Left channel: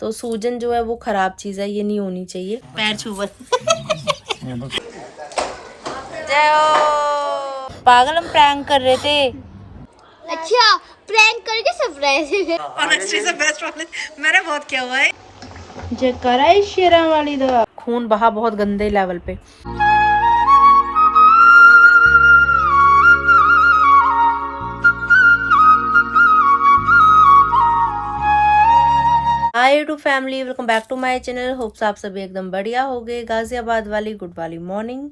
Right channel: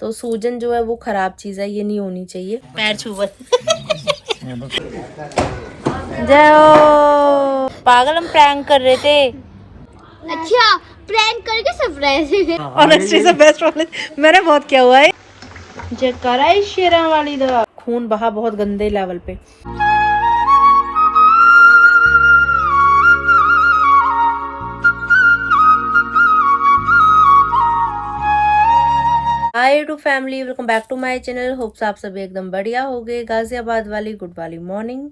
तो सूजन जो है वो खराब चीज़ है, ये नहीं होनी चाहिए। पैर छुआ जय हो। पागल, हम प्रैंक कर रहे थे। अच्छा, प्रैंक करके सरप्राइज। ऑनेस्टली से बेस्ट वाले मैंने बहुत किया हुआ है। जयकारा है शेरा वाली दा। खून बहा बहुत गंदे लेवल पे। Hi to family, welcome back to my channel. Hopes आप सभी एकदम बढ़िया हो गए। गाजियाबाद वाली गुड वाली मॉर्निंग।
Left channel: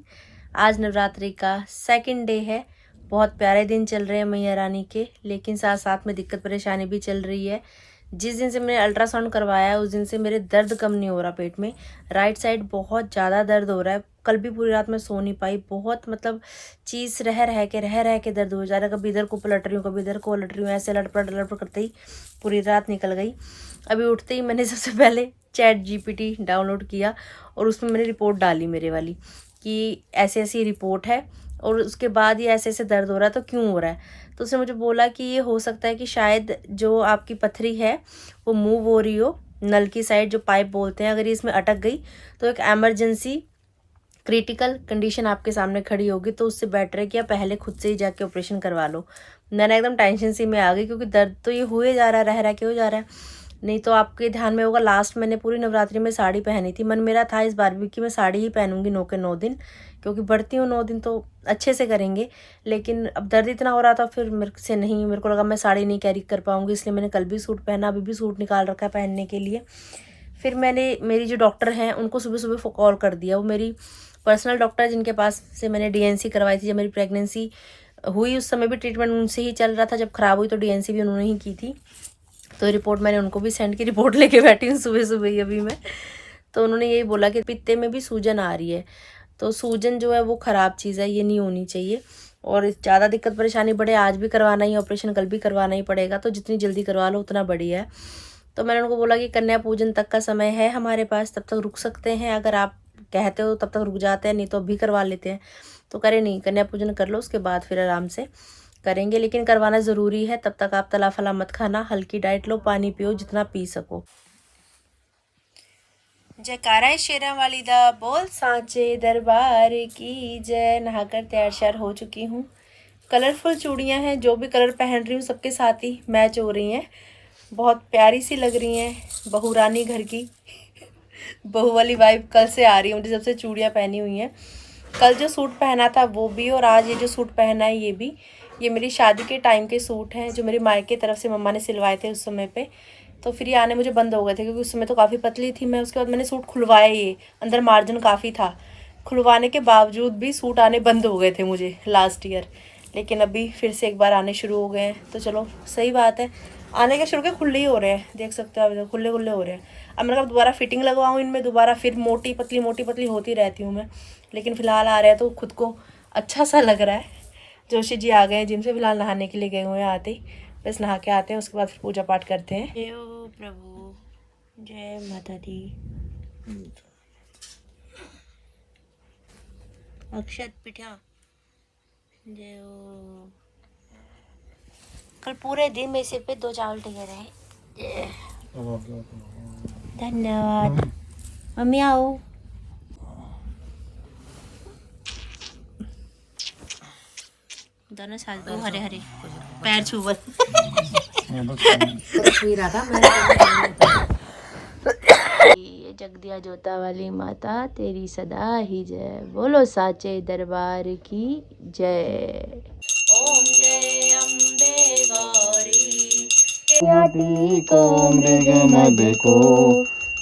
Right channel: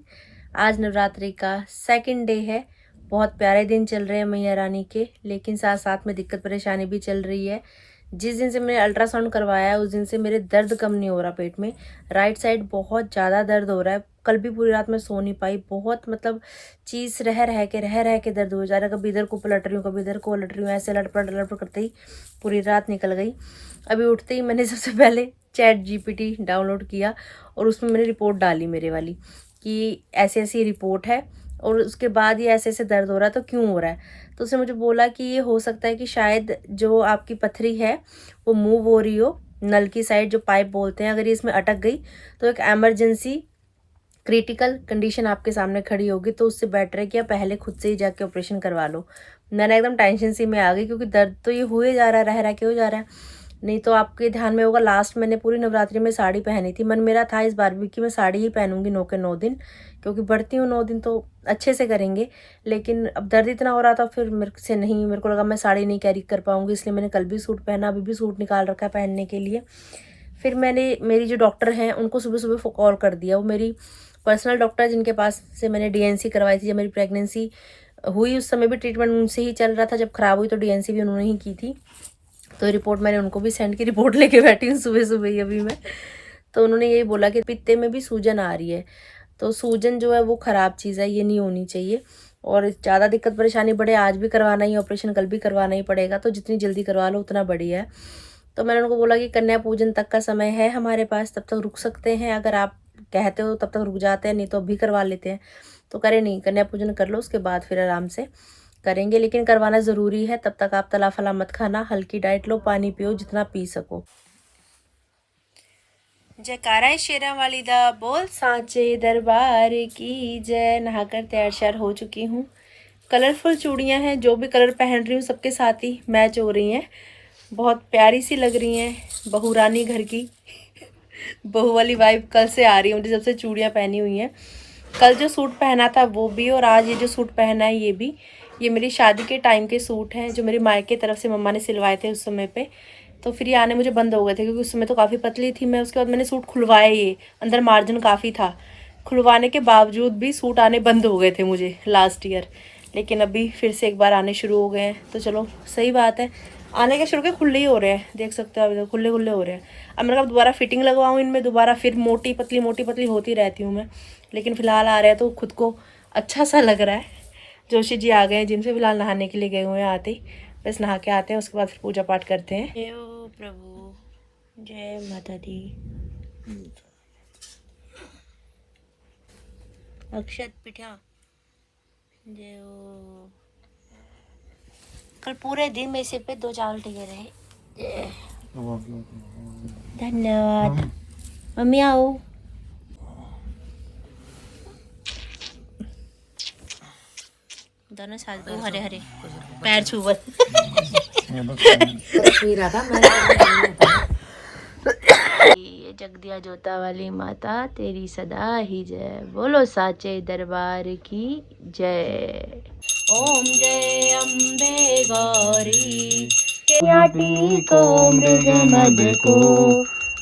आज नवरात्रि का सेकंड डे है। बहुत प्यारे दिन चल रहे हैं मैया रानी के, लेकिन साथ साथ में दिक्कत परेशानी भी चल रही है। जिस दिन से मैंने अल्ट्रासाउंड करवाया है उस दिन से मेरे दर्द कम नहीं हो रहा पेट में। राइट साइड बहुत ज़्यादा दर्द हो रहा है। कल भी पूरी रात में सो नहीं पाई। बहुत मतलब चीज़ रह रह के दर्द हो जा रहा है। कभी इधर को पलट रही हूँ, कभी इधर को पलट रही हूँ, ऐसे लटपट करते ही पूरी रात निकल गई। अभी उठते ही मैंने सबसे पहले ChatGPT डाउनलोड किया और उसमें मैंने रिपोर्ट डाली मेरे वाली कि ऐसी ऐसी रिपोर्ट है और उसके बाद ये ऐसे ऐसे दर्द हो रहा है, तो क्यों हो रहा है। तो उसने मुझे बोला कि ये हो सकता है कि शायद जो आपकी पथरी है वो मूव हो रही हो, नल की साइड जो पाइप बोलते हैं, अगर ये इसमें अटक गई तो एक एमरजेंसी क्रिटिकल कंडीशन आपके सामने खड़ी होगी। तो उससे बेटर है कि आप पहले खुद से ही जाके ऑपरेशन करवा लो। मैंने एकदम टेंशन सी में आ गई, क्योंकि दर्द तो ये हो ही जा रहा है, रह के हो जा रहा है। नहीं तो आपके ध्यान में होगा, लास्ट मैंने पूरी नवरात्रि में साड़ी पहनी थी। मन मेरा था इस बार भी कि मैं साड़ी ही पहनूंगी 9 के 9 दिन, क्योंकि बढ़ती हूँ 9 दिन तो अच्छे से करेंगे। लेकिन अब दर्द इतना हो रहा था, फिर मेरे से नहीं, मेरे को लगा मैं साड़ी नहीं कैरी कर पाऊंगी, इसलिए मैंने कल भी सूट पहना, अभी भी सूट निकाल रखा है पहनने के लिए। फिर मैंने मेरी जो डॉक्टर हैं उनको सुबह सुबह कॉल कर दिया। वो मेरी पर्सनल डॉक्टर है, जिनके पास से मैंने DNC करवाई थी। जब मेरी प्रेगनेंसी हुई उस समय भी ट्रीटमेंट उनसे ही चल रहा था, जब खराब हुई तो DNC भी उन्होंने ही की थी। तो रिपोर्ट मैंने उनको भी सेंड की, रिपोर्ट लेके बैठी हूँ सुबह सुबह ही अभी मैं। तो उन्होंने यही बोला कि पित्ते में भी सूजन आ रही है। तो सूजन जो है वो ख़राब चीज़ है, ये नहीं होनी चाहिए। और ज़्यादा दिक्कत परेशानी बढ़े, आज भी करवाना ही ऑपरेशन, कल भी करवाना ही पड़ेगा, तो जितनी जल्दी करवा लो उतना बढ़िया है। तो मैंने उनको बोला कि कन्या पूजन तक का समय है हमारे पास, तब तक रुक सकते हैं, अगर आप कहते हो तब तक रुक जाते हैं, नहीं तो अभी करवा लेते हैं। तो करे नहीं, कन्या पूजन कर लो, उसके बाद फिर आराम से करेंगे, लेकिन करवाना ज़रूरी है। तब तक आप तला फला मत खाना, हल्की डाइट लो, पानी पियो जितना पी सको। जयकारा है शेरा वाली दा बोल, सांचे दरबार की जय। नहाकर तैयार श्यार हो चुकी हूँ। कलरफुल चूड़ियाँ हैं, जो भी कलर पहन रही हूँ सबके साथ ही मैच हो रही हैं। बहुत प्यारी सी लग रही हैं, बहू रानी घर की बहू वाली वाइब कल से आ रही है मुझे, जब से चूड़ियाँ पहनी हुई हैं। कल जो सूट पहना था वो भी, और आज ये जो सूट पहना है ये भी। ये मेरी शादी के टाइम के सूट हैं, जो मेरी मायके तरफ से मम्मा ने सिलवाए थे उस समय पे। तो फिर ये आने मुझे बंद हो गए थे, क्योंकि उस समय तो काफ़ी पतली थी मैं। उसके बाद मैंने सूट खुलवाए, ये अंदर मार्जिन काफ़ी था, खुलवाने के बावजूद भी सूट आने बंद हो गए थे मुझे लास्ट ईयर। लेकिन अभी फिर से एक बार आने शुरू हो गए हैं, तो चलो सही बात है। आने के शुरू के खुले ही हो रहे हैं, देख सकते हो आप, इधर खुले खुले हो रहे हैं। अब मैंने कहा दोबारा फिटिंग लगवाऊँ इनमें, दोबारा फिर मोटी पतली होती रहती हूँ मैं। लेकिन फिलहाल आ रहा है तो खुद को अच्छा सा लग रहा है। जोशी जी आ गए हैं जिम से, फिलहाल नहाने के लिए गए हुए हैं, आते ही बस नहा के आते हैं, उसके बाद फिर पूजा पाठ करते हैं। जय हो प्रभु, जय माता दी। अक्षत पिठा, जय हो। कल पूरे दिन में सिर पे 2 चावल टिके रहे। धन्यवाद। मम्मी आओ। दोनों साथ दो हरे हरे पैर छुअल ये जगदिया जोता वाली माता तेरी सदा ही जय। बोलो साचे दरबार की जय। ओम जय अम्बे गौरी याटी को मृग मद को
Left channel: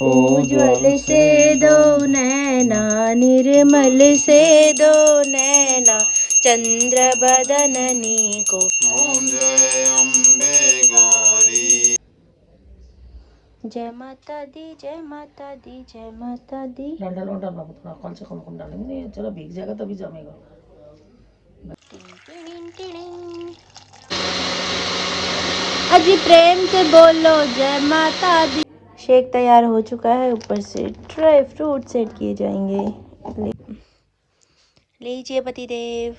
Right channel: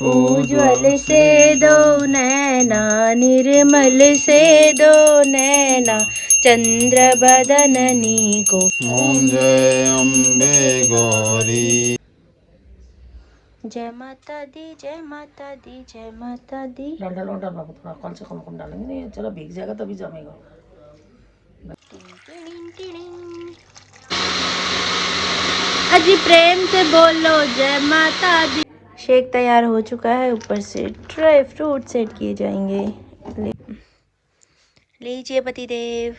उज्ज्वल से दो नैना, निर्मल से दो नैना, चंद्र बदननी को। ओम जय अम्बे गौरी। जय माता दी, जय माता दी, जय माता दी। डंडा लौटा बाबू, थोड़ा कम से कम डालेंगे, नहीं चलो भीग जाएगा तभी जमेगा। अजी प्रेम से बोलो जय माता दी। शेक तैयार हो चुका है, ऊपर से ड्राई फ्रूट सेट किए जाएंगे। लीजिए पतिदेव।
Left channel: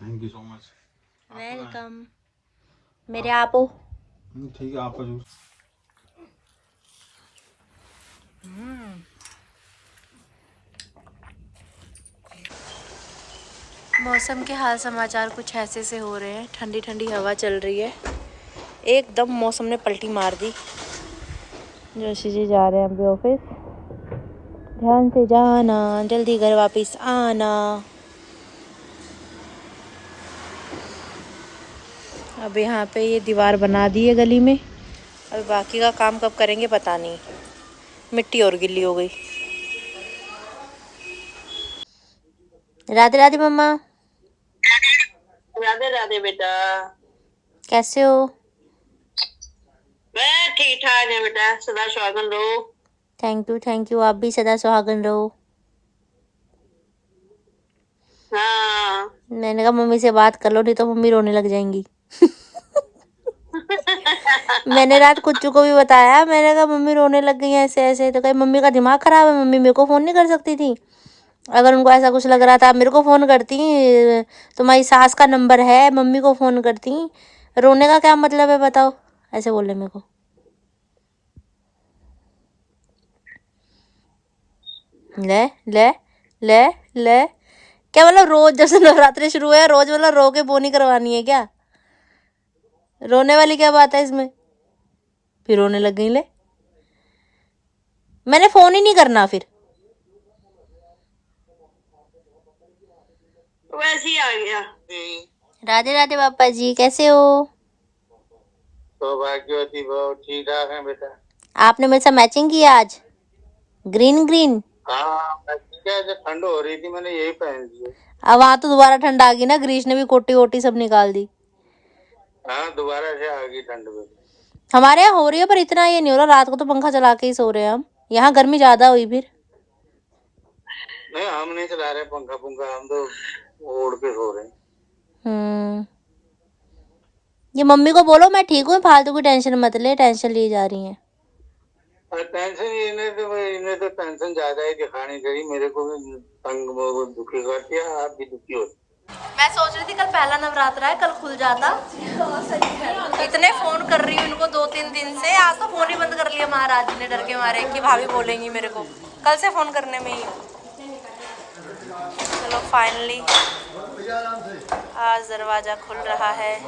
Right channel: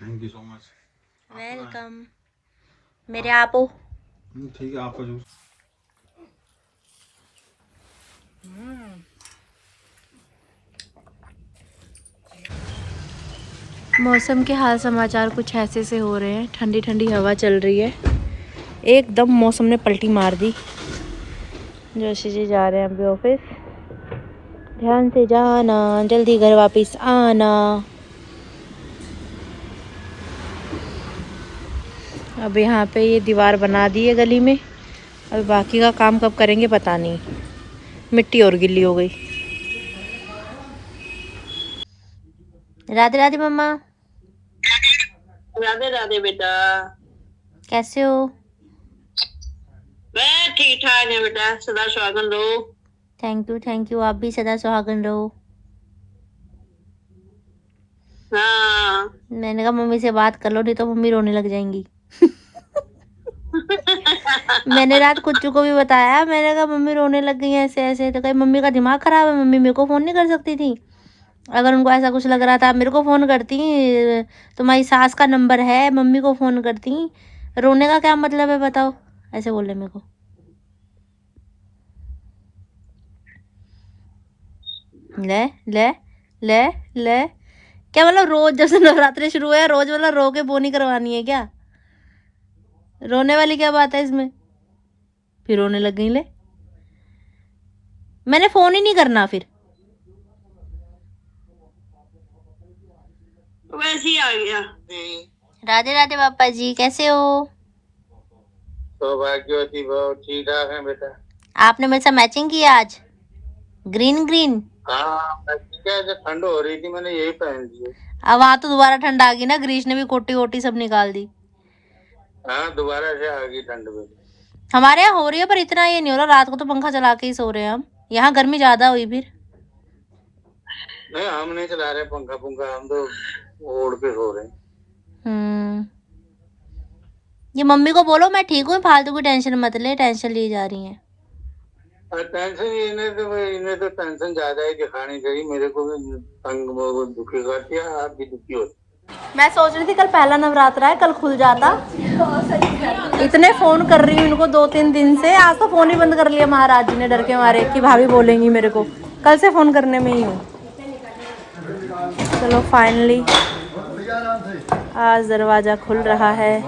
Thank you so much. Welcome. मेरे आपो। ठीक है, आपका जूस। मौसम के हाल समाचार कुछ ऐसे से हो रहे हैं। ठंडी ठंडी हवा चल रही है, एकदम मौसम ने पलटी मार दी। जोशी जी जा रहे हैं अभी ऑफिस। ध्यान से जाना, जल्दी घर वापस आना। अब यहाँ पे ये दीवार बना दी है गली में, अब बाकी का काम कब करेंगे पता नहीं। मिट्टी और गिल्ली हो गई। राधे राधे मम्मा। राधे राधे बेटा। कैसे हो? मैं ठीक ठाक है बेटा, सदा सुहागन रहो। थैंक यू, आप भी सदा सुहागन रहो। हाँ। मैंने कहा मम्मी से बात कर लो, नहीं तो मम्मी रोने लग जाएंगी। मैंने रात कुच्चू को भी बताया, मैंने कहा मम्मी रोने लग गई है ऐसे ऐसे। तो कहीं मम्मी का दिमाग खराब है, मम्मी मेरे को फ़ोन नहीं कर सकती थी? अगर उनको ऐसा कुछ लग रहा था मेरे को फ़ोन करती, तुम्हारी सास का नंबर है, मम्मी को फ़ोन करती। रोने का क्या मतलब है बताओ? ऐसे बोले मेरे को। ले ले ले ले, क्या मतलब रोज जब से नवरात्रि शुरू है रोज मतलब रो के बोनी करवानी है क्या? रोने वाली क्या बात है इसमें? फिर रोने लग गई ले। मैंने फोन ही नहीं करना फिर। वैसे ही आ गया। राधे राधे पापा जी, कैसे हो? सौभाग्यवती भव, ठीक ठाक है बेटा। आपने मेरे साथ मैचिंग की आज, ग्रीन ग्रीन। हाँ ठीक है, जब ठंड हो रही थी मैंने यही पहन ली। अब वहां तो दोबारा ठंड आ गई ना, ग्रीश ने भी कोटी वोटी सब निकाल दी। हाँ दोबारा से आ गई ठंड में। हमारे यहाँ हो रही है पर इतना ये नहीं हो रहा। रात को तो पंखा चला के ही सो रहे हैं हम। यहाँ गर्मी ज्यादा हुई फिर। नहीं हम नहीं चला रहे पंखा पुंखा, हम तो ओढ़ के सो रहे हैं। ये मम्मी को बोलो मैं ठीक हूँ, फालतू की टेंशन मत ले, टेंशन ली जा रही है। टेंशन इन्हें तो टेंशन ज्यादा ही दिखानी चाहिए। मेरे को भी तंग दुखी करती है, आप भी दुखी होती। मैं सोच रही थी कल पहला नवरात्रा है, कल खुल जाता। इतने फोन कर रही हूँ इनको 2-3 दिन से, आज तो फोन ही बंद कर लिया महाराज जी ने डर के मारे कि भाभी बोलेंगी मेरे को। कल से फोन करने में ही हूँ। चलो फाइनली आज दरवाजा खुल रहा है।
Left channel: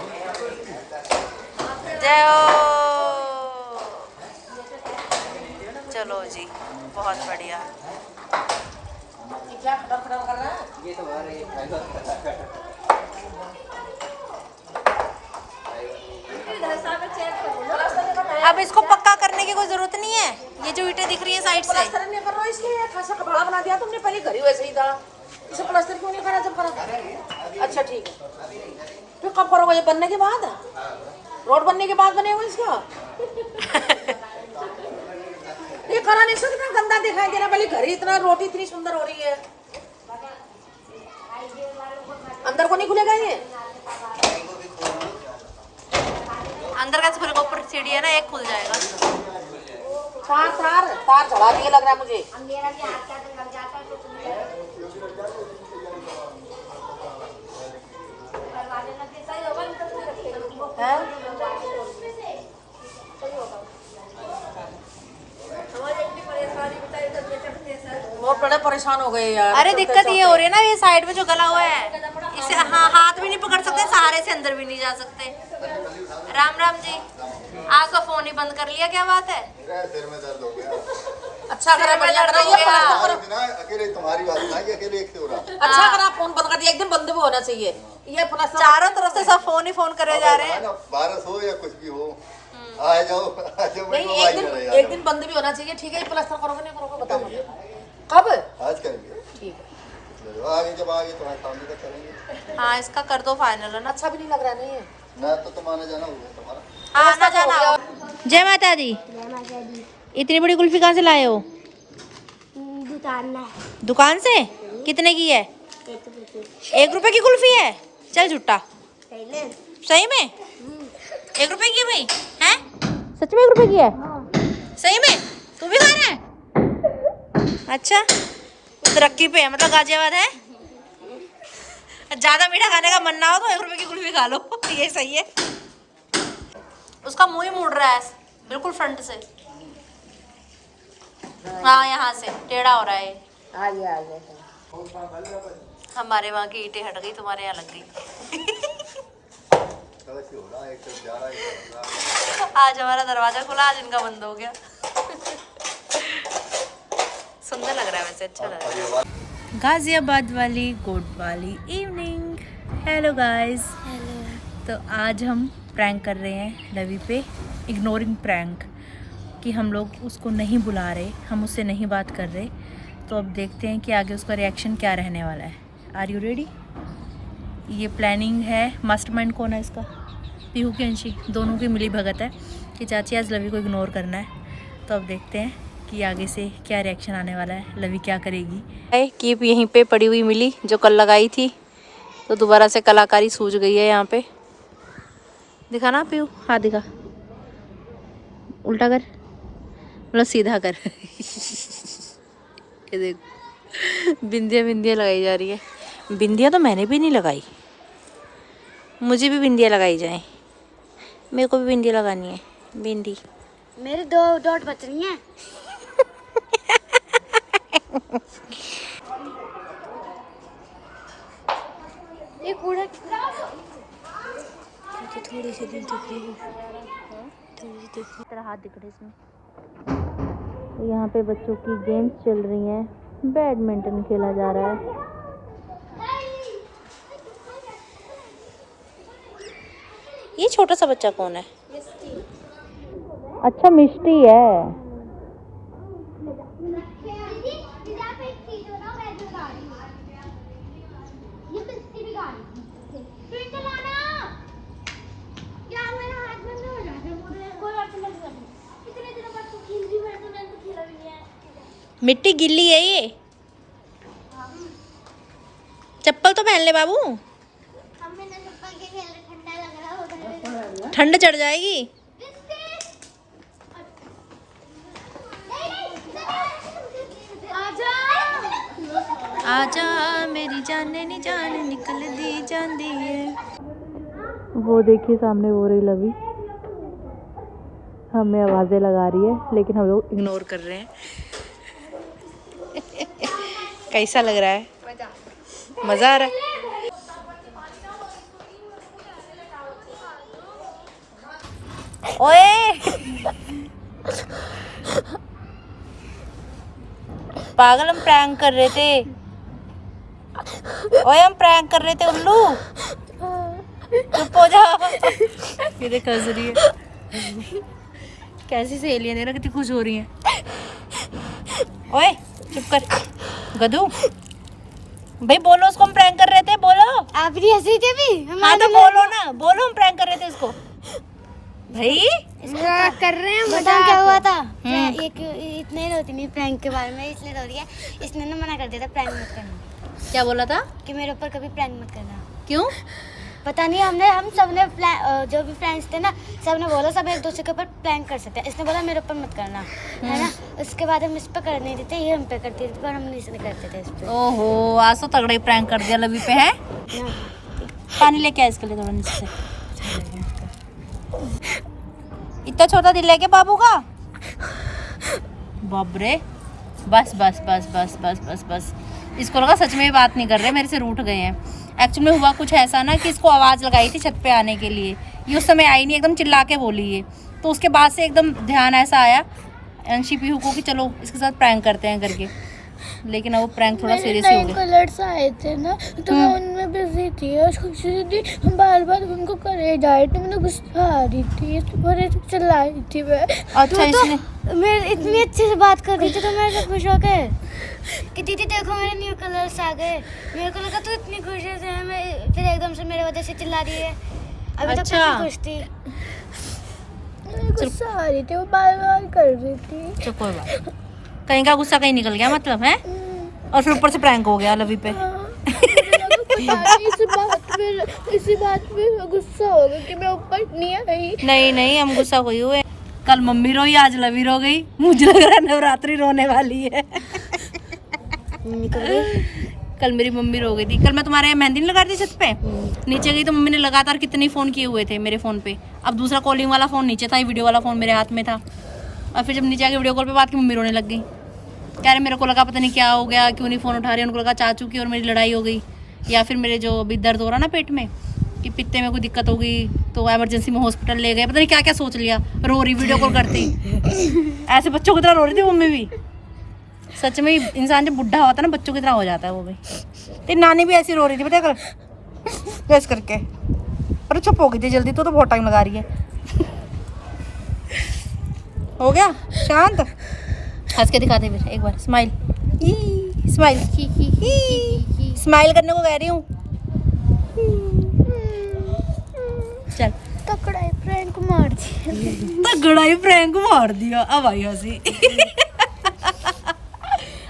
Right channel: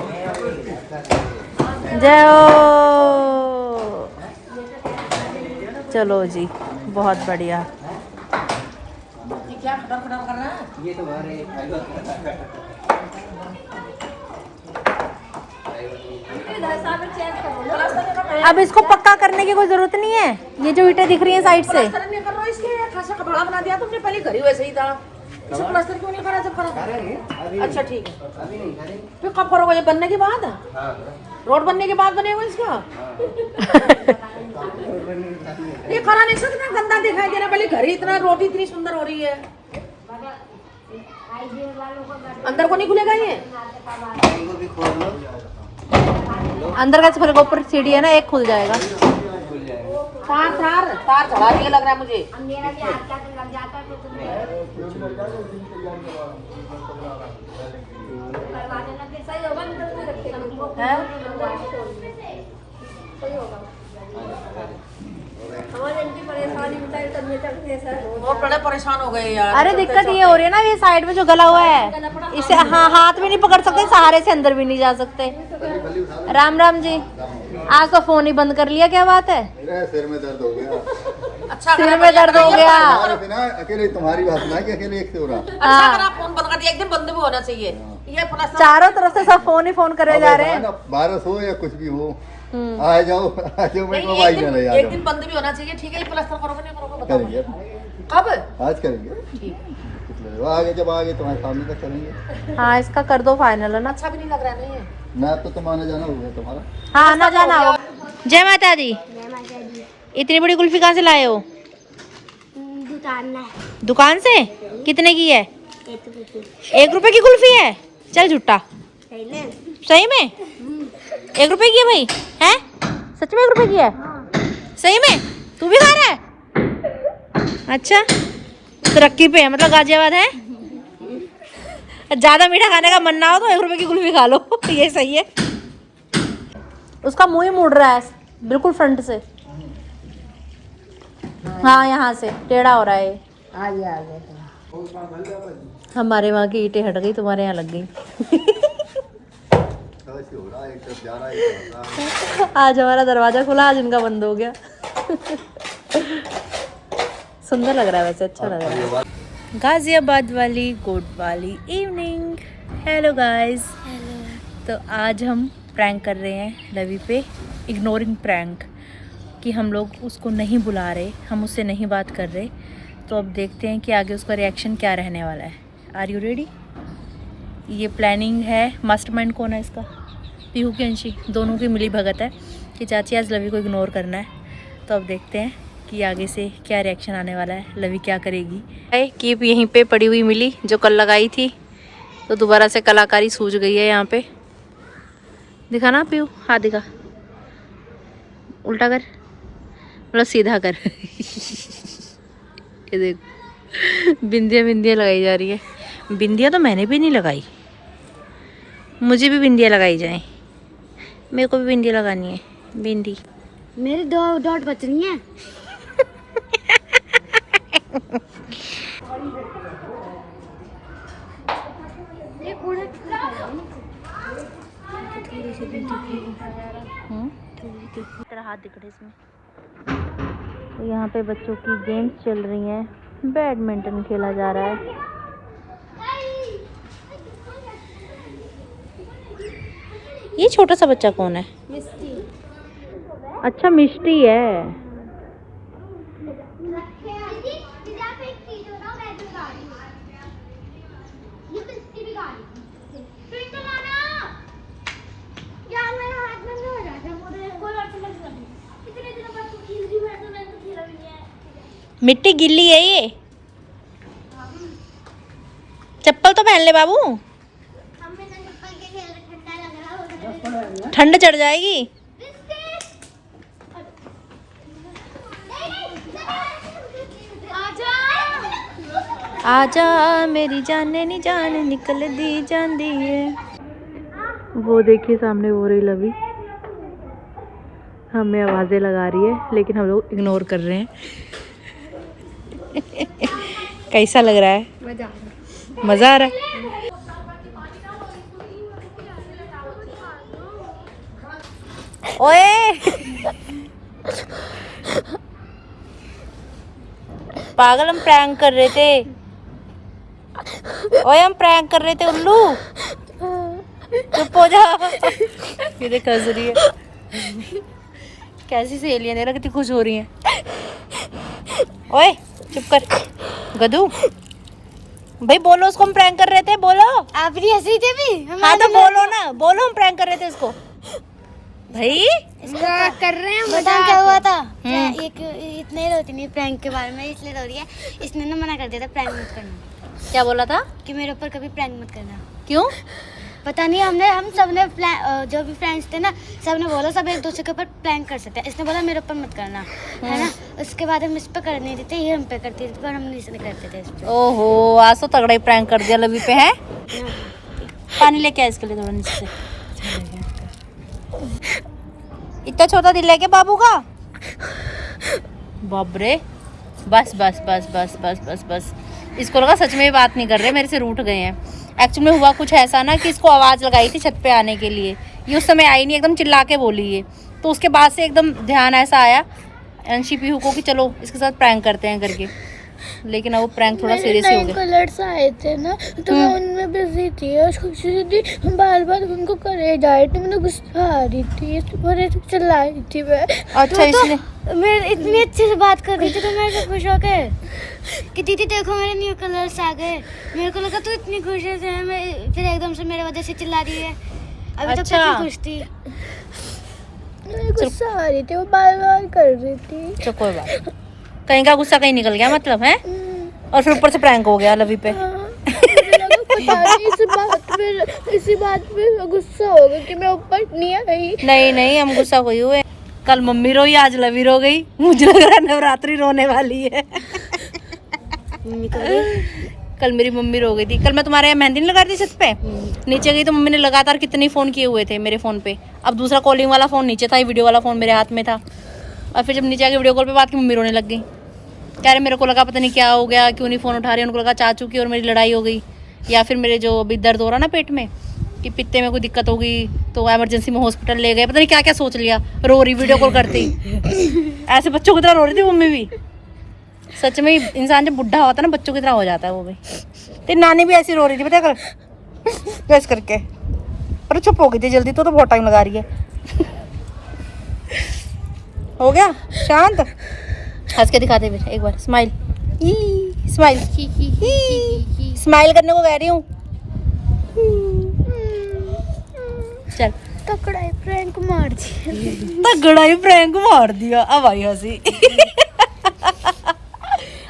जय हो। चलो जी, बहुत बढ़िया। अब इसको पक्का करने की कोई जरूरत नहीं है। ये जो ईंटें दिख रही हैं साइड से, बना दिया तुमने, पहले घर ही वैसे ही था। इसे प्लास्टर क्यों नहीं करा जब करा? अच्छा ठीक है, तो कब करोगे? ये बनने के बाद, रोड बनने के बाद बनेगा इसका। ये कराने से कितना गंदा दिखाई दे रहा है। पहले घर ही इतना, रोटी इतनी सुंदर हो रही है, अंदर को नहीं खुलेगा ये? अंदर कैसे खुलेगा? ऊपर सीढ़ी है ना, एक खुल जाएगा। तार चढ़ा दिए लग रहा है मुझे। बहुत बड़े परेशान हो गए यार। अरे दिक्कत ये हो रही है ना, ये साइड में जो गला हुआ है इसे हाँ हाथ में नहीं पकड़ सकते, सहारे से अंदर भी नहीं जा सकते। राम राम जी, आज तो फोन ही बंद कर लिया, क्या बात है? सिर में दर्द हो गया। अच्छा सिर में दर्द हो गया। अकेले तुम्हारी बात ना कि अकेले एक से हो रहा। अच्छा अगर आप फोन बंद कर दिया, एक दिन बंद भी होना चाहिए। ये चारों तरफ से सब फोन ही फोन करे जा रहे हैं। बारिश हो या कुछ भी हो, आ जाओ मैं मोबाइल में नहीं आ एक दिन बंद भी होना चाहिए। ठीक है, प्लास्टर करोगे नहीं करोगे बताओ? करेंगे कब? आज करेंगे, आगे जब आगे तुम्हारे सामने तक करेंगे। हाँ इसका कर दो फाइनल, है ना? अच्छा भी नहीं लग रहा है नहीं? ना तो तुम्हारा जाना होगा तुम्हारा। हाँ ना जाना हो। जय माता दी। इतनी बड़ी कुल्फी कहाँ से लाए हो? दुकान से? कितने की है? 1 रुपए की कुल्फी है? चल झूठा। सही में 1 रुपए की है भाई? है सच में 1 रुपए की है? सही में? तू भी खा रहा है? अच्छा तरक्की पे है मतलब गाजियाबाद है। ज्यादा मीठा खाने का मन ना हो तो 1 रुपए की कुल्फी खा लो। ये सही है। उसका मुंह ही मुड़ रहा है बिल्कुल फ्रंट से। हाँ यहाँ से टेढ़ा हो रहा है। हमारे वहाँ की ईंटें हट गई, तुम्हारे यहाँ लग गई। आज हमारा दरवाजा खुला, आज इनका बंद हो गया। सुंदर लग रहा है, वैसे अच्छा लग रहा है। गाजियाबाद वाली गुड वाली इवनिंग। Hello guys. तो आज हम प्रैंक कर रहे हैं लवी पे, इग्नोरिंग प्रैंक, कि हम लोग उसको नहीं बुला रहे, हम उससे नहीं बात कर रहे। तो अब देखते हैं कि आगे उसका रिएक्शन क्या रहने वाला है। Are you ready? ये प्लानिंग है। मास्टरमाइंड कौन है इसका? पीहू की अंशी, दोनों की मिली भगत है कि चाची आज लवी को इग्नोर करना है। तो अब देखते हैं कि आगे से क्या रिएक्शन आने वाला है, लवी क्या करेगी। कीप यहीं पे पड़ी हुई मिली जो कल लगाई थी, तो दोबारा से कलाकारी सूझ गई है यहाँ पे। दिखा ना पीहू, हाथ दिखा, उल्टा कर, मतलब सीधा कर। ये देख, बिंदियाँ बिंदियाँ लगाई जा रही है। बिंदियाँ तो मैंने भी नहीं लगाई, मुझे भी बिंदियाँ लगाई जाएं। मेरे को भी बिंदी लगानी है, बिंदी। मेरे 2 डॉट बच रही हैं। तेरा हाथ दिख रहा है इसमें। तो यहाँ पे बच्चों की गेम्स चल रही हैं, बैडमिंटन खेला जा रहा है। ये छोटा सा बच्चा कौन है? अच्छा, मिष्टी है। मिट्टी गिल्ली है ये, चप्पल तो पहन ले बाबू, ठंड चढ़ जाएगी। आजा मेरी जाने नी जान निकल दी जांदी है। वो देखिए सामने हो रही लवी, हमें आवाजें लगा रही है, लेकिन हम लोग इग्नोर कर रहे हैं। कैसा लग रहा है? मजा आ रहा है। ओए पागल, हम प्रैंक कर रहे थे। ओए हम प्रैंक कर रहे थे उल्लू, चुप हो जा। ये देख हंस रही है, कैसी सहेलियां देख रहा, कितनी खुश हो रही हैं। ओए चुप कर गधू, भाई बोलो उसको हम प्रैंक कर रहे थे, बोलो। आप भी हंसी थे भी। हाँ तो बोलो ना, बोलो हम प्रैंक कर रहे थे इसको भाई। कर रहे हैं मजाक। क्या हुआ था? इतने रोती नहीं प्रैंक के बारे में, इसलिए रो रही है। इसने ना मना कर दिया था प्रैंक मत करना। क्या बोला था? कि मेरे ऊपर कभी प्रैंक मत करना। क्यों? पता नहीं, हम सब ने जो भी फ्रेंड्स थे ना, सब ने बोला सब एक दूसरे के ऊपर प्रैंक कर सकते हैं। इसने बोला मेरे ऊपर मत करना, है ना। उसके बाद हम इस पर कर नहीं देते, ये हम पे करती थी, पर हम नहीं करते थे इस पे। ओहो, आज तो तगड़ा ही प्रैंक कर दिया लवी पे है। पानी लेके आ इसके लिए थोड़ा नीचे। इतना छोटा दिल है क्या बाबू का? बाप रे, बस बस बस बस बस बस बस। इसको लगा सच में बात नहीं कर रहे, मेरे से रूठ गए हैं। एक्चुअली में हुआ कुछ ऐसा ना कि इसको आवाज़ लगाई थी छत पे आने के लिए, ये उस समय आई नहीं, एकदम चिल्ला के बोली ये। तो उसके बाद से एकदम ध्यान ऐसा आया अंशी पीहू को कि चलो इसके साथ प्रैंक करते हैं करके, लेकिन अब वो प्रैंक थोड़ा सीरियस ही हो गया। कलर्स आए थे ना, तो मैं उनमें बिजी थी और हम बार बार उनको करे जा रही थी, मुझे गुस्सा आ रही थी, बड़े चिल्ला रही थी मैं। अच्छा, इसलिए मैं इतनी अच्छे से बात कर रही थी, तो मैं सब खुश हो गए कि दीदी देखो मेरे न्यू कलर्स आ गए। मेरे को लगा तू इतनी खुश है, मैं फिर एकदम से मेरे वजह से चिल्ला रही है। अभी तक कितनी खुश थी, गुस्सा आ रही थी, वो बार बार कर रही थी। चलो कोई बात, कहीं का गुस्सा कहीं निकल गया मतलब है, और फिर ऊपर से प्रैंक हो गया लवी पे। इसी बात पे गुस्सा हो गया कि मैं ऊपर नहीं आई। नहीं नहीं, हम गुस्सा कोई हुए। कल मम्मी रोई, आज लवी रो गई। मुझे लग रहा है नवरात्रि रोने वाली है। कल मेरी मम्मी रो गई थी। कल मैं तुम्हारे यहाँ मेहंदी नहीं लगा रही थी छत पे, नीचे गई तो मम्मी ने लगातार कितने फ़ोन किए हुए थे मेरे फ़ोन पे। अब दूसरा कॉलिंग वाला फ़ोन नीचे था, वीडियो वाला फ़ोन मेरे हाथ में था। और फिर जब नीचे आके वीडियो कॉल पे बात की, मम्मी रोने लग गई। कह रहे मेरे को लगा पता नहीं क्या हो गया, क्यों नहीं फ़ोन उठा रही। उनको लगा चाचू की और मेरी लड़ाई हो गई। या फिर मेरे जो अभी दर्द हो रहा ना पेट में कि पित्ते में कोई दिक्कत होगी तो इमरजेंसी में हॉस्पिटल ले गए, पता नहीं क्या क्या सोच लिया, रो रही वीडियो कॉल करती। ऐसे बच्चों की तरह रो रही थी मम्मी भी। सच में इंसान जब बुढ़ा होता है ना बच्चों की तरह हो जाता है वो भी। तेरी नानी भी ऐसी रो रही थी पता कल प्रेस करके, पर चुप हो गई थी जल्दी, तो बहुत टाइम लगा रही है। हो गया शांत, हंस के दिखाते फिर एक बार, स्माइल स्माइल स्माइल करने को कह रही हूँ। चल तगड़ा ही प्रैंक मार दिया, तगड़ा ही प्रैंक मार दिया। अब आई हंसी।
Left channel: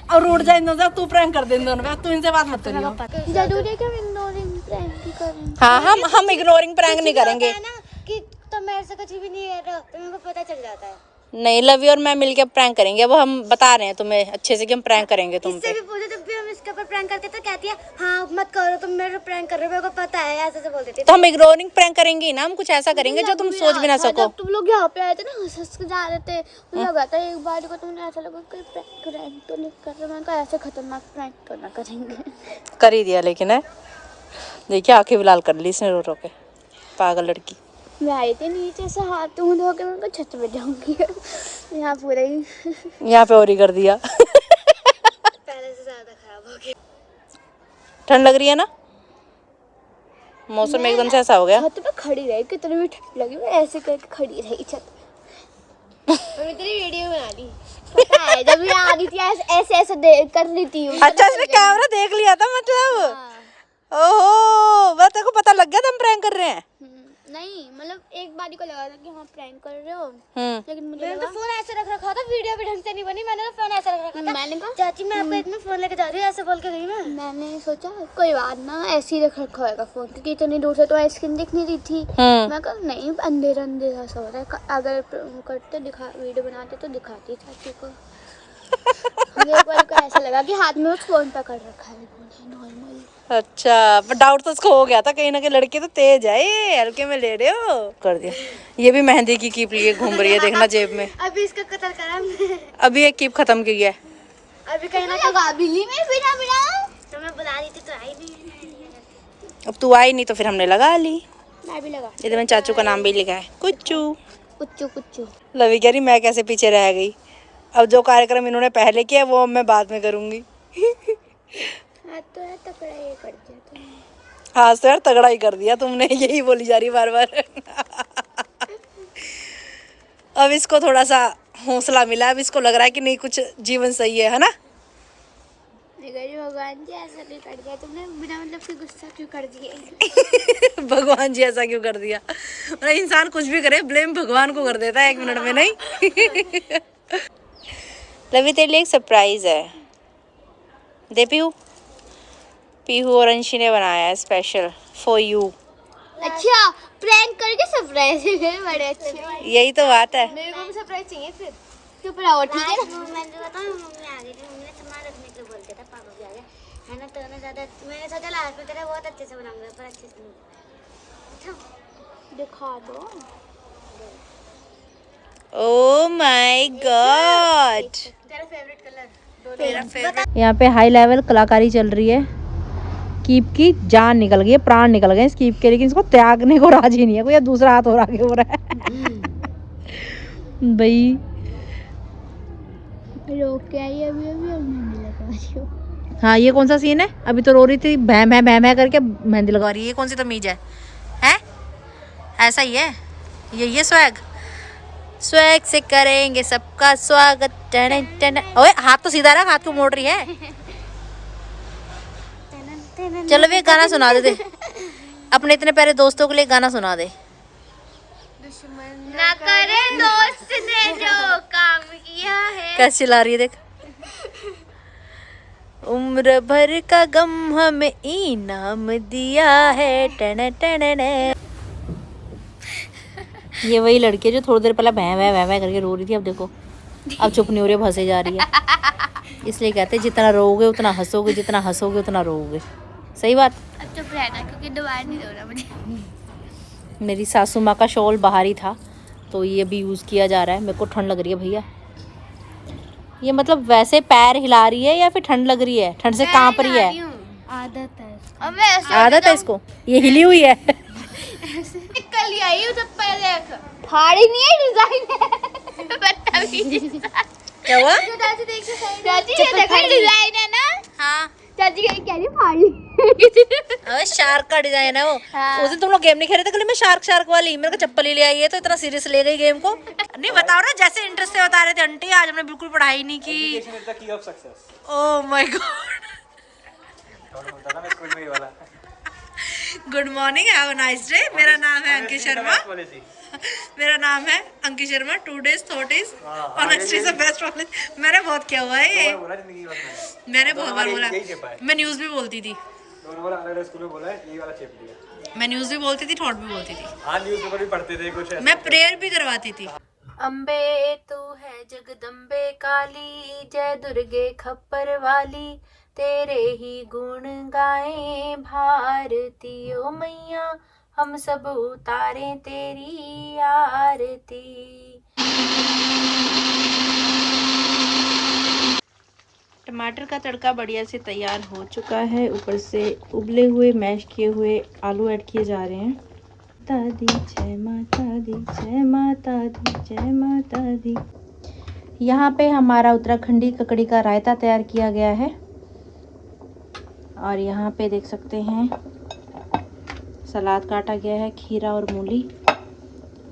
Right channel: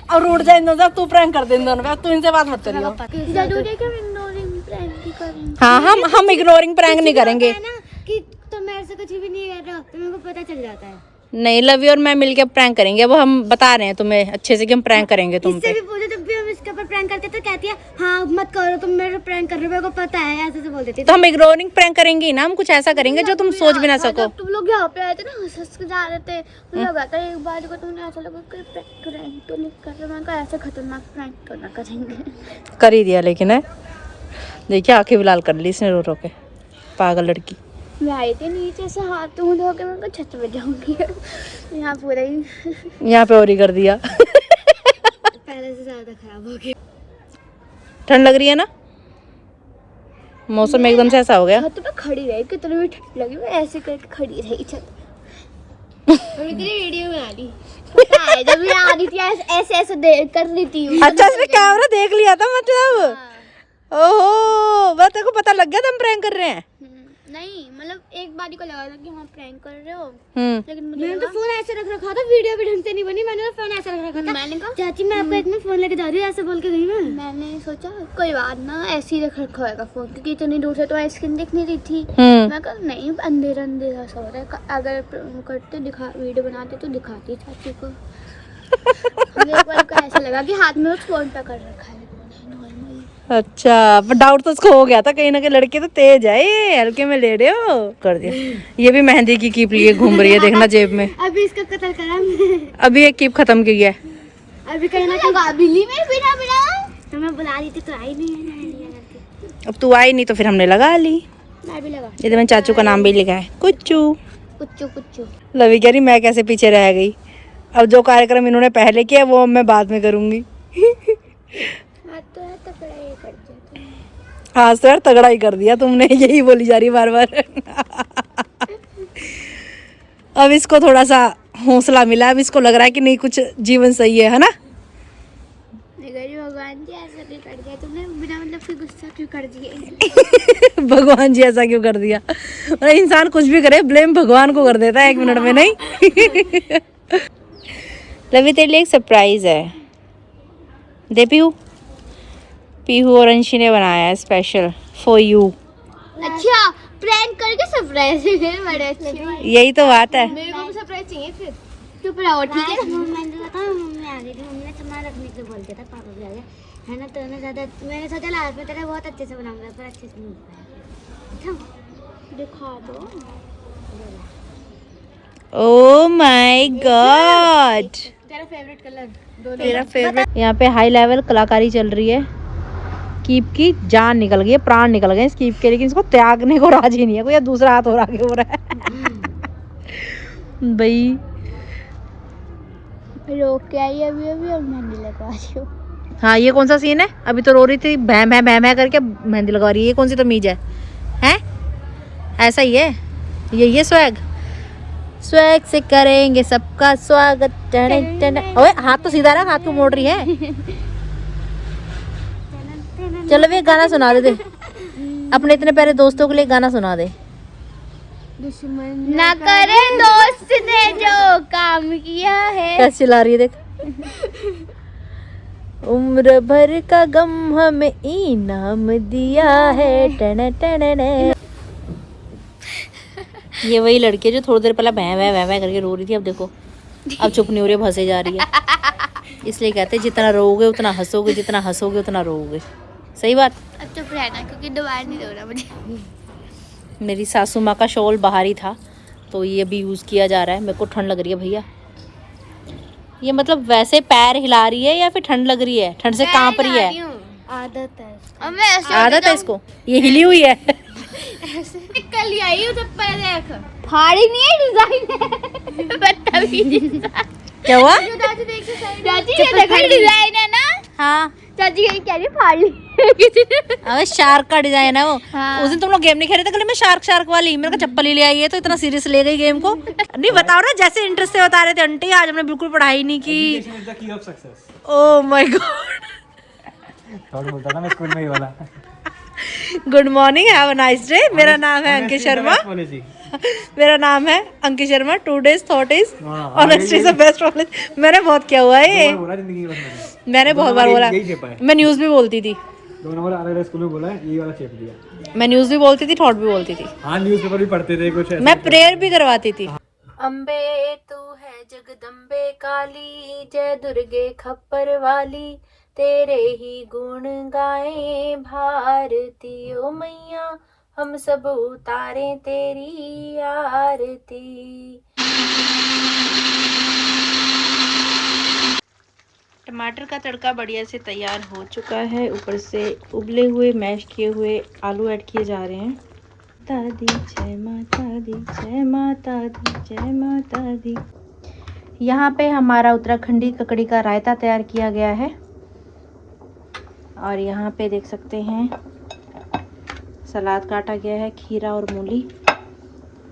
अब रूठ जा इन दोनों, तू प्रैंक कर दे इन दोनों, तू इनसे बात मत करियो। जरूरी है कि हम इग्नोरिंग प्रैंक ही करें? हाँ हम इग्नोरिंग प्रैंक नहीं करेंगे। है ना कि तुम मेरे से कुछ भी नहीं कर रहे हो, तो मेरे को पता चल जाता है। नहीं, लवी और मैं मिलके प्रैंक करेंगे। वो हम बता रहे हैं तुम्हें अच्छे से कि हम प्रैंक करेंगे तुम इससे पे। भी पूछे जब भी हम इसके ऊपर प्रैंक करते तो कहती है हाँ मत करो, तुम मेरे प्रैंक कर रहे हो, मेरे को पता है, ऐसे से बोल देती है। तो हम इग्नोरिंग प्रैंक करेंगे ही ना, हम कुछ ऐसा करेंगे जो तुम सोच भी ना सको। जब तुम लोग यहाँ पे आए थे ना, हंस हंस के जा रहे थे, मुझे लगा था एक बार को तुमने ऐसा लगा कि प्रैंक तो नहीं कर रहे, मैंने कहा ऐसे खतरनाक प्रैंक तो ना करेंगे। कर ही दिया लेकिन है, देखिए आंखें भी लाल कर ली इसने रो रो के, पागल लड़की। मैं आई थी नीचे से हाथ मुँह धो के, मैं छत में जाऊंगी। यहाँ पूरा ही यहाँ पे और ही कर दिया। पहले से ज्यादा खराब हो गया। ठंड लग रही है ना, मौसम एकदम से ऐसा हो गया। छत पे खड़ी रही, कितनी भी ठंड लगी, मैं ऐसे करके खड़ी रही छत पे। और इतनी वीडियो बना दी, पता है जब मैं आ रही थी ऐसे ऐसे देख कर रही थी। अच्छा इसने कैमरा देख लिया था मतलब। ओहो, बस तेरे को पता लग गया था हम प्रैंक कर रहे हैं। नहीं मतलब एक बारी को लगा था कि हाँ प्रैंक कर रहे हो, हम्म, लेकिन मैंने तो फोन ऐसे रख रखा था, वीडियो भी ढंग से नहीं बनी, मैंने तो फोन ऐसे रख रखा था। मैंने कहा चाची मैं आपको इतना फोन लेके जा रही हूँ, ऐसे बोल के गई मैं। मैंने सोचा कोई बात ना, ऐसे ही रख रखा होगा फोन, क्योंकि इतनी दूर से तो स्क्रीन दिख नहीं रही थी। मैं कहा नहीं अंधेरा अंधेरा सा हो रहा है, अगर करते दिखा वीडियो बनाते तो दिखाती चाची को। मेरे को ऐसा लगा कि हाथ में उस फोन का कर रखा है। अच्छा पर डाउट तो उसको हो गया था कहीं ना कहीं, लड़की तो तेज है ये, हल्के में ले रहे हो। कर दिया, ये भी मेहंदी की कीप लिए घूम रही है, देखना जेब में। अभी इसको कत्ल करा, अभी एक कीप खत्म की है। अभी कहना कि बिल्ली में बिना बिना तो मैं बुला रही थी तो आई नहीं। अब तू आई नहीं तो फिर हमने लगा ली। मैं भी लगा, ये तो मैंने चाचू का नाम भी लिखा है, कुच्चू। कुच्चू कुच्चू। लवी कह रही मैं कैसे पीछे रह गई, अब जो कार्यक्रम इन्होंने पहले किया वो मैं बाद में करूंगी। हाँ सर तगड़ा ही कर दिया तुमने, यही बोली जा रही बार बार। अब इसको थोड़ा सा हौसला मिला, अब इसको लग रहा है कि नहीं कुछ जीवन सही है ना। भगवान जी ऐसा क्यों कर दिया तुमने, बिना मतलब कि गुस्सा क्यों कर दिया। भगवान जी ऐसा क्यों कर दिया, और इंसान कुछ भी करे ब्लेम भगवान को कर देता है 1 मिनट में। नहीं लवी तेरे लिए एक सरप्राइज है, दे पीहू। पीहू और अंशी ने बनाया है स्पेशल फॉर यू। अच्छा प्रैंक करके सरप्राइज है, बड़े अच्छे। यही तो बात है। मेरे को भी सरप्राइज चाहिए फिर, चुप रहो ठीक है। मैंने बताया मम्मी आ गई थी, मम्मी ने सामान रखने के लिए बोल दिया था पापा भी आ गए है ना, तो ना ज्यादा मैंने सोचा लास्ट में तेरा बहुत अच्छे से बनाऊंगा, पर अच्छे से नहीं बनाया। अच्छा दिखा दो। ओह माय गॉड, तेरा फेवरेट कलर, तेरा फेवरेट। यहाँ पे हाई लेवल कलाकारी चल रही है, कीप की जान निकल गई है, प्राण निकल गए इस कीप के, लेकिन इसको त्यागने को राजी नहीं है कोई, या दूसरा हाथ और आगे हो रहा है। भाई रोक के आई अभी अभी और मेहंदी लगा रही हूँ। हाँ ये कौन सा सीन है, अभी तो रो रही थी भैं भैं भैं भैं करके मेहंदी लगा रही है, ये कौन सी तमीज है? हैं ऐसा ही है ये स्वैग, स्वैग से करेंगे सबका स्वागत। टन टन, ओए हाथ तो सीधा रहा, हाथ को मोड़ रही है। चलो वे गाना सुना दे अपने इतने प्यारे दोस्तों के लिए, गाना सुना दे। दुश्मन ना करे दोस्त ने जो काम किया है। कैसे चिल्ला रही है देख। उम्र भर का गम हमें इनाम दिया है। टन टन टन। ये वही लड़की है जो थोड़ी देर पहले भैं भैं भैं भैं करके रो रही थी, अब देखो अब चुप नहीं हो रही है, हंसे जा रही है। इसलिए कहते हैं जितना रोओगे उतना हंसोगे, जितना हंसोगे उतना रोओगे। सही बात। अब चुप रहना क्योंकि दोबारा नहीं रोना मुझे। मेरी सासू माँ का शॉल बाहर ही था तो ये भी यूज़ किया जा रहा है। मेरे को ठंड लग रही है भैया, ये मतलब वैसे पैर हिला रही है या फिर ठंड लग रही है, ठंड से कांप रही है? आदत है। अब मैं ऐसे आदत है इसको, ये हिली हुई है। कल ही आई हूँ जब पहले खाड़ी नहीं है डिजाइन बदतमीज क्या हुआ? चाची देखो चाची ये देखो डिजाइन है ना। हाँ चाची ये कह रही फाड़ ली। अबे शार्क का डिजाइन है वो। हाँ। उस दिन तुम लोग गेम नहीं खेले थे गले में शार्क वाली, मेरे को चप्पल ही ले आई है तो इतना सीरियस ले गई गेम को। नहीं बताओ ना, जैसे इंटरेस्ट से बता रहे थे आंटी, आज हमने बिल्कुल पढ़ाई नहीं की। Oh my God. Good morning, have a nice day. मेरा नाम है अंकित शर्मा। मेरा नाम है Ankit Sharma. 2 days thought is honestly the best college। मैंने बहुत किया हुआ है ये, मैंने बहुत बार बोला। मैं न्यूज भी बोलती थी, स्कूल में बोला है, ये वाला चेप दिया। मैं न्यूज भी बोलती थी, थॉट भी बोलती थी, हाँ न्यूज़पेपर भी पढ़ते थे कुछ ऐसा। मैं प्रेयर भी करवाती थी। अम्बे तू है जगदम्बे काली, जय दुर्गे खप्पर वाली, तेरे ही गुण गाए भारती। ओ मैया हम सब उतारे तेरी आरती। टमाटर का तड़का बढ़िया से तैयार हो चुका है, ऊपर से उबले हुए मैश किए हुए आलू ऐड किए जा रहे हैं। दादी जय माता दी, जय माता दी, जय माता दी। यहाँ पे हमारा उत्तराखंडी ककड़ी का रायता तैयार किया गया है, और यहाँ पे देख सकते हैं सलाद काटा गया है, खीरा और मूली।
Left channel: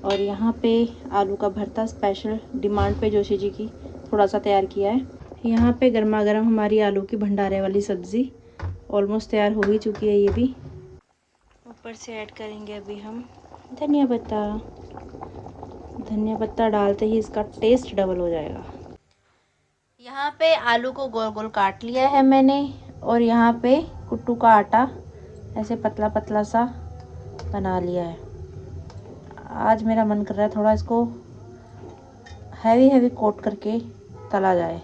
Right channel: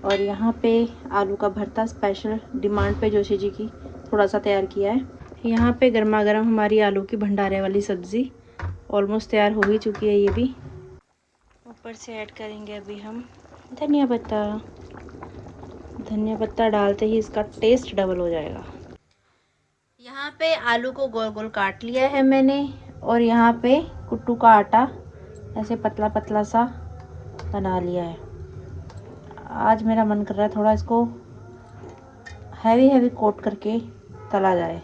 और यहाँ पे आलू का भरता स्पेशल डिमांड पे जोशी जी की थोड़ा सा तैयार किया है। यहाँ पे गर्मा गर्म हमारी आलू की भंडारे वाली सब्ज़ी ऑलमोस्ट तैयार हो ही चुकी है। ये भी ऊपर से ऐड करेंगे अभी हम धनिया पत्ता। धनिया पत्ता डालते ही इसका टेस्ट डबल हो जाएगा। यहाँ पे आलू को गोल गोल काट लिया है मैंने, और यहाँ पे कुट्टू का आटा ऐसे पतला पतला सा बना लिया है। आज मेरा मन कर रहा है थोड़ा इसको हैवी कोट करके तला जाए।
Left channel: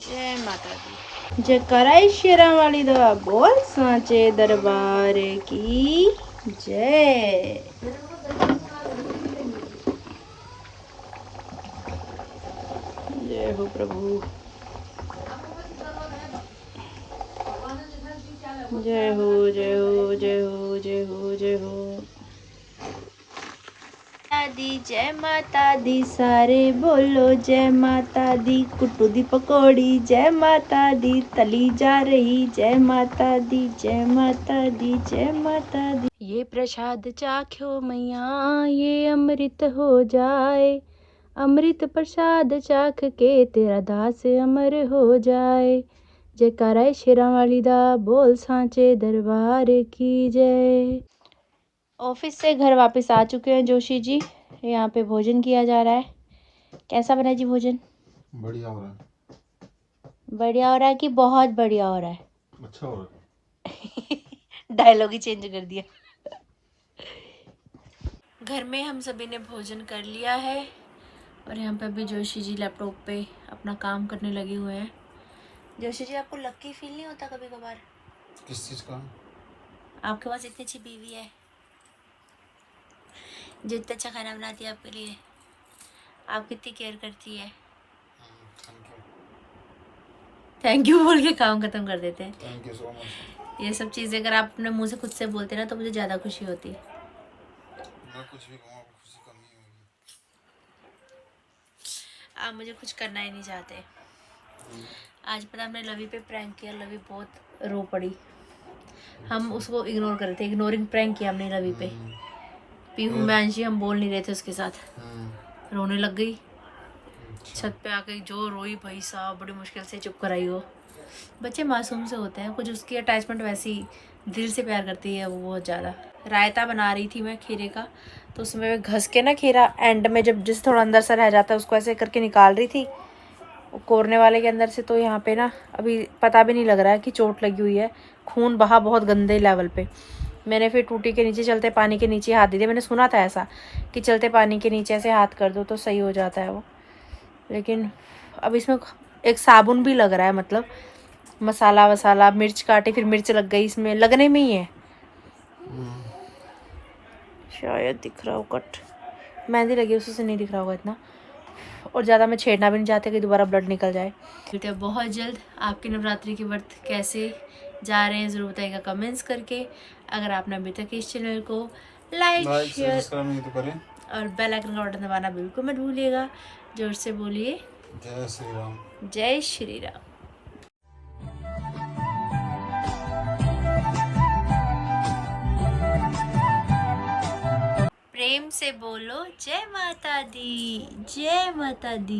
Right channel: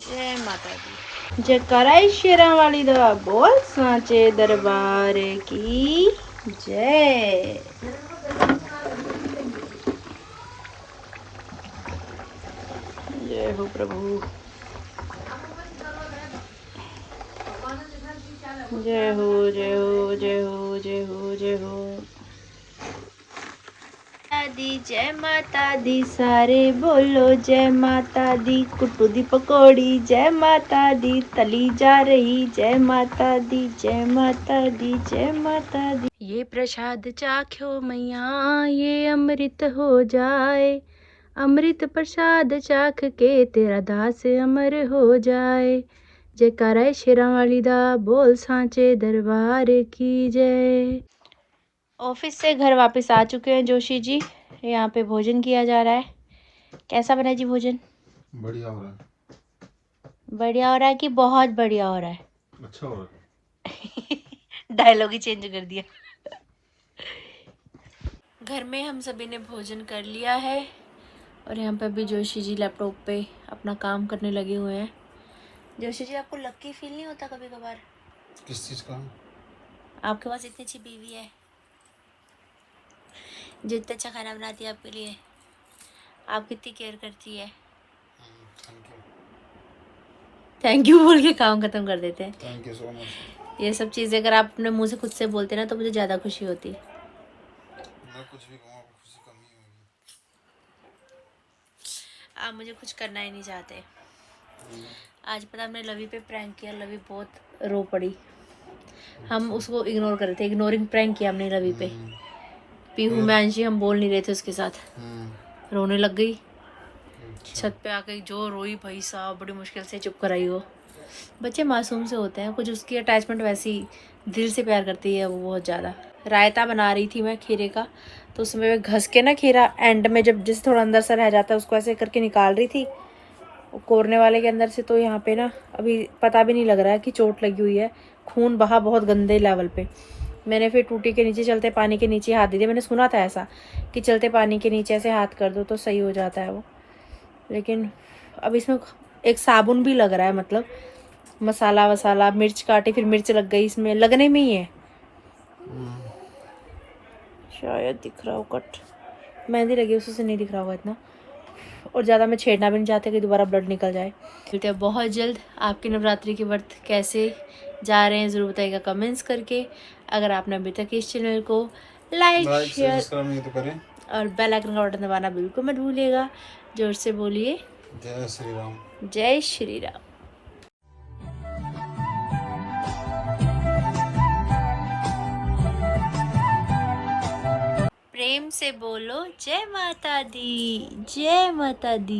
जय माता दी, जय कराई शेरा वाली दा, बोल सांचे दरबार की जय। जय हो प्रभु, जय हो जय हो जय हो जय हो जय हो। दी जय माता दी, सारे बोलो जय माता दी। कुट्टू दी पकौड़ी जय माता दी, तली जा रही जय माता दी, जय माता दी, जय माता दी। ये प्रसाद चाख्यो मैया, ये अमृत हो जाए। अमृत प्रसाद चाख के तेरा दास अमर हो जाए। जयकारा शेरा वाली दा, बोल सांचे दरबार की जय। ऑफिस से घर वापस आ चुके हैं जोशी जी। यहाँ पे भोजन किया जा रहा है। कैसा बना जी भोजन? बढ़िया हो रहा है। बढ़िया हो रहा है कि बहुत बढ़िया हो रहा है? अच्छा हो रहा है। डायलॉग ही चेंज कर दिया। घर में हम सभी ने भोजन कर लिया है, और यहाँ पे अभी जोशी जी लैपटॉप पे अपना काम करने लगे हुए हैं। जोशी जी, आपको लकी फील नहीं होता कभी कभार? किस चीज़ का? आपके पास इतनी अच्छी बीवी है जो इतना अच्छा खाना बनाती है आपके लिए, आपकी इतनी केयर करती है। थैंक यू बोल के काम खत्म कर देते हैं। Thank you so much. ये सब चीज़ें अगर आप अपने मुंह से खुद से बोलते ना तो मुझे ज़्यादा खुशी होती। मैं कुछ भी कहूँ खुशी कम नहीं होगी। आप मुझे कुछ करना ही नहीं चाहते। आज पता हमने लवी पे प्रैंक किया, लवी बहुत रो पड़ी। हम उसको इग्नोर कर रहे थे, इग्नोरिंग प्रैंक किया हमने लवी पे। पीहू में अंशी हम बोल नहीं रहे थे उसके साथ, रोने लग गई। छत पे आके जो रोई भाई साहब, बड़ी मुश्किल से चुप कराई वो। बच्चे मासूम से होते हैं, कुछ उसकी अटैचमेंट वैसी दिल से प्यार करती है वो बहुत ज़्यादा। रायता बना रही थी मैं खीरे का, तो उसमें मैं घस के ना खीरा एंड में जब जिस थोड़ा अंदर सा रह जाता है उसको ऐसे करके निकाल रही थी कोरने वाले के अंदर से। तो यहाँ पे ना अभी पता भी नहीं लग रहा है कि चोट लगी हुई है, खून बहा बहुत गंदे लेवल पे। मैंने फिर टूटी के नीचे, चलते पानी के नीचे हाथ दे दिया। मैंने सुना था ऐसा कि चलते पानी के नीचे ऐसे हाथ कर दो तो सही हो जाता है वो, लेकिन अब इसमें एक साबुन भी लग रहा है, मतलब मसाला वसाला, मिर्च काटी फिर मिर्च लग गई इसमें, लगने में ही है। शायद दिख रहा हो कट, मेहंदी लगी उससे नहीं दिख रहा होगा इतना। और ज़्यादा मैं छेड़ना भी नहीं चाहती कि दोबारा ब्लड निकल जाए। मिलते हैं बहुत जल्द। आपके नवरात्रि के व्रत कैसे जा रहे हैं ज़रूर बताइएगा कमेंट्स करके। अगर आपने अभी तक इस चैनल को लाइक शेयर सब्सक्राइब नहीं तो करें। और बेल आइकन का बटन दबाना बिल्कुल मत भूलिएगा। जोर से बोलिए जय श्री राम। जय श्री राम। प्रेम से बोलो जय माता दी, जय माता दी।